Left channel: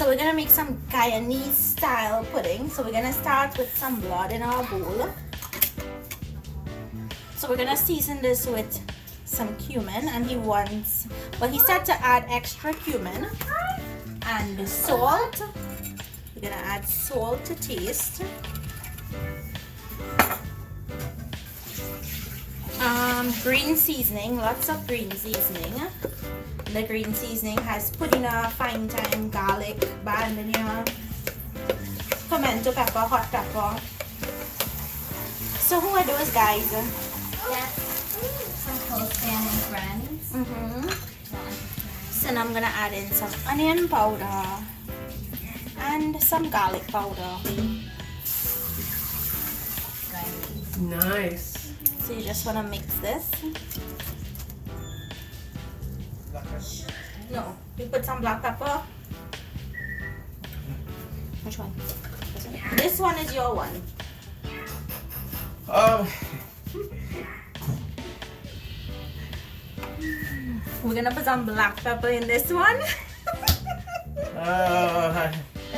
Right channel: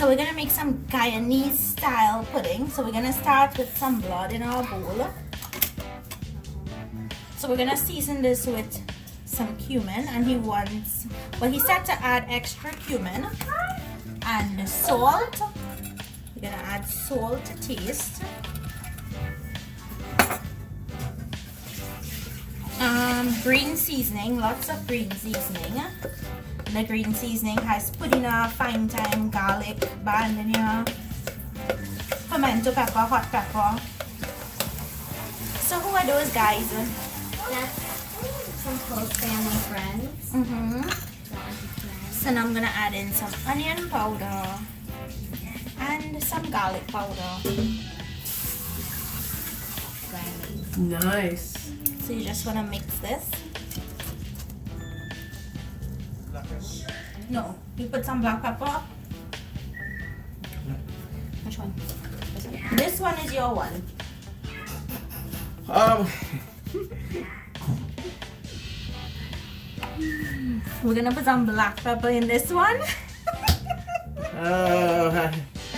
So we're gonna make some Guyanese style pudding. So we're gonna start with some blood in our bowl. So we're gonna season this with some cumin, and he said to add extra cumin and salt. We're gonna add salt to taste. Green seasoning, lots of green seasoning. The green seasoning has pudina, fine thyme, garlic, banana, pimento pepper, hot pepper. So who are those guys? That's some close family friends. So now I'm gonna add in some onion powder and some garlic powder. Nice. So you just wanna mix this. No, you put some black pepper. Which one? This one is your one. We're gonna put some black pepper in this one. That's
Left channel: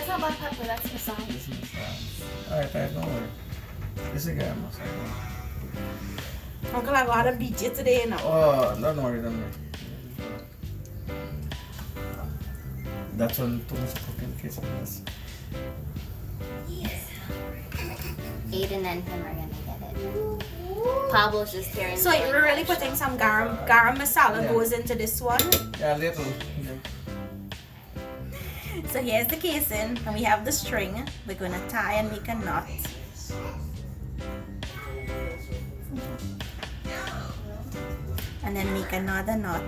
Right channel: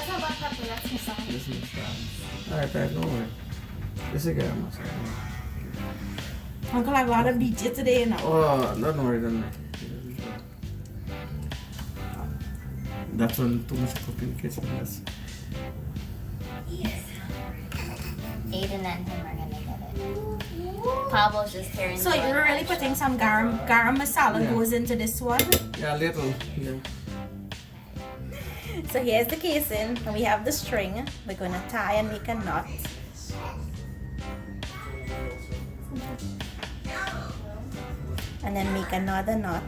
not black pepper, that's masala. This is alright, don't worry. This is Garam masala. Uncle, I got a DJ today now. Oh, don't worry, don't worry. That's when too much cooking kitchen is. Aiden and him are gonna get it. Pablo's just carrying. So you're really putting some garam masala goes into this one. Yeah, a little. Yeah. So here's the casing, and we have the string. We're gonna tie and make a knot. And then make another knot.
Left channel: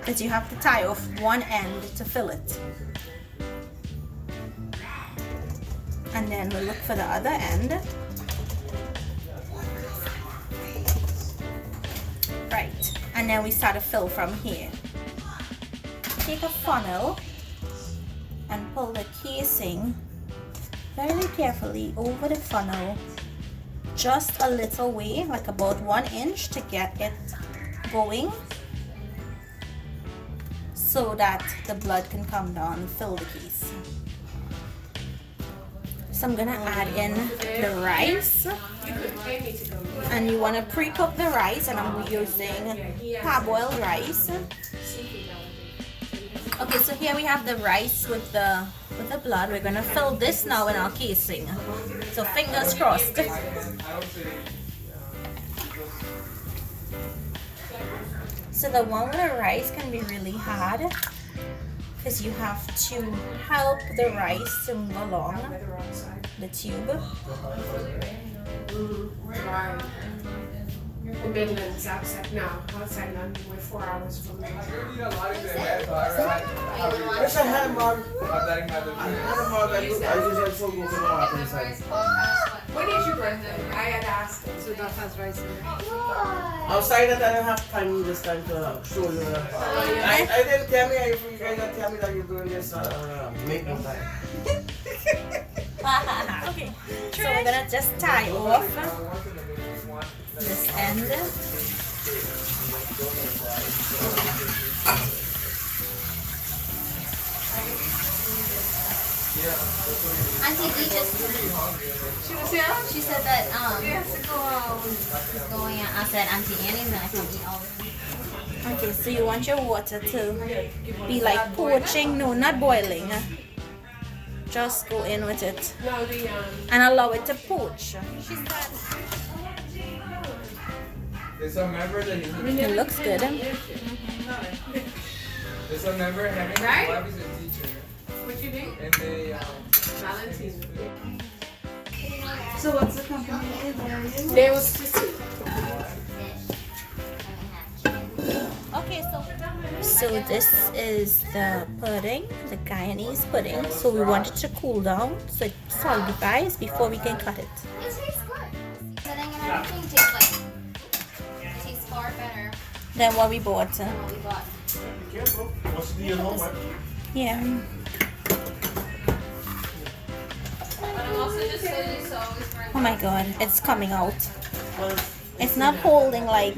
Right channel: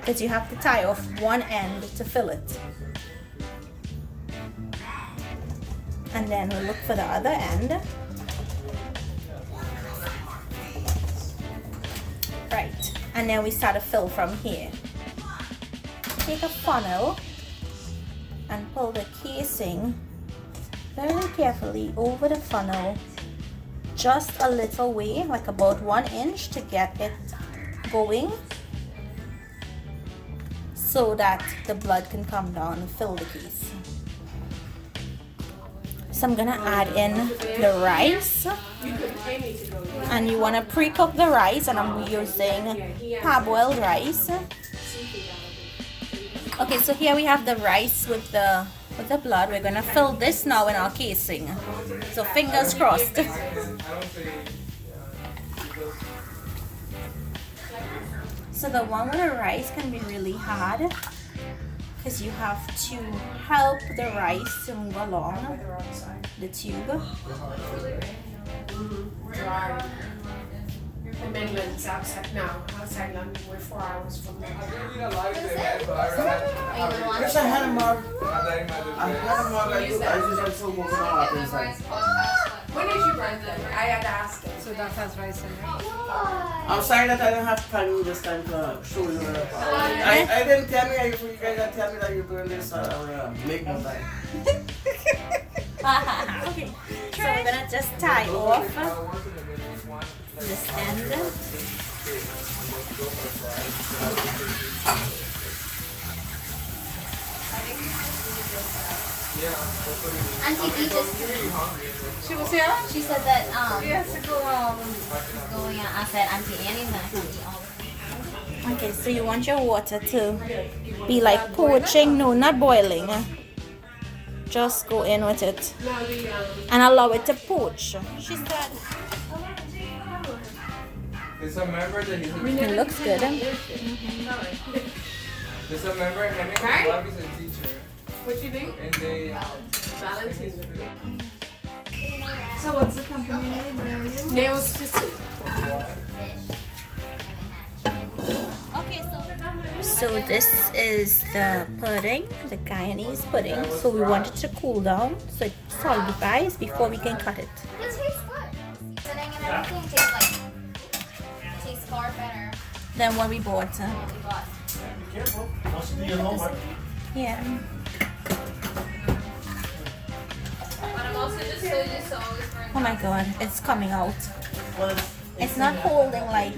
Because you have to tie off one end to fill it. And then we'll look for the other end. Right. And then we start to fill from here. Take a funnel and pull the casing very carefully over the funnel. Just a little way, like about 1 inch, to get it going, so that the blood can come down and fill the case. So I'm gonna add in the rice, and you want to pre-cook the rice, and I'm using parboiled rice. Okay, so here we have the rice with the blood. We're gonna fill this now in our casing. So fingers crossed. So the one with the rice can be really hard because you have to help the rice to move along the tube. In England, it's outside now. Outside London, we're 4 hours from there. Yes, I had a mug. I had a mug. I just had some more water inside. When did you run them? I had asked them. So that has rice in it. Outside that I don't have time this time to show you. I didn't tell me, you guys didn't tell me that you're doing this. Make more time. Okay, so we're gonna just tie off this end. Auntie B just. She was here? She said that Yes, to go she's going out. I said Auntie Annie's gonna come eat all of it. Okay, so you want your water to be like poaching, no, not boiling. Just go in with it and allow it to poach. She said it looks good. There's a member, Hemingway Bob is a teacher. What you do? And they, So what's the company name? Nails to see. Okay, so this is the pudding, the Guyanese pudding. So we want it to cool down so it solidifies before we can cut it. It tastes good. Setting and everything tastes like. It tastes far better Than what we bought. than what we bought. Be careful. Must be at home, right? Yeah. Oh my god, it's coming out. It's not holding like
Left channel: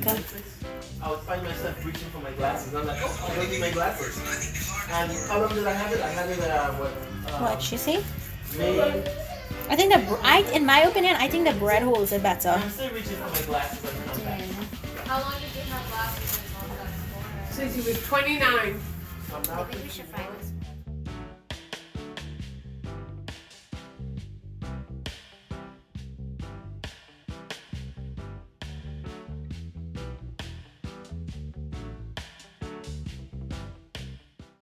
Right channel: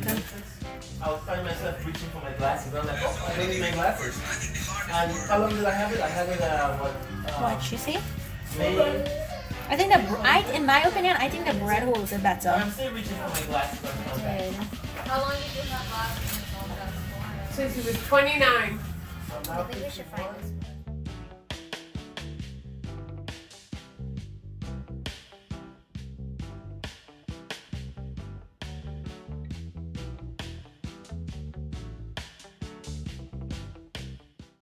I'll find myself reaching for my glasses. I'm like, oh, I don't need my glasses. And how long did I have it? I had it, What you see? May. I think in my opinion, I think the bread holds it better. I'm still reaching for my glasses. How long did you have left? Since he was 29. I think we should find this.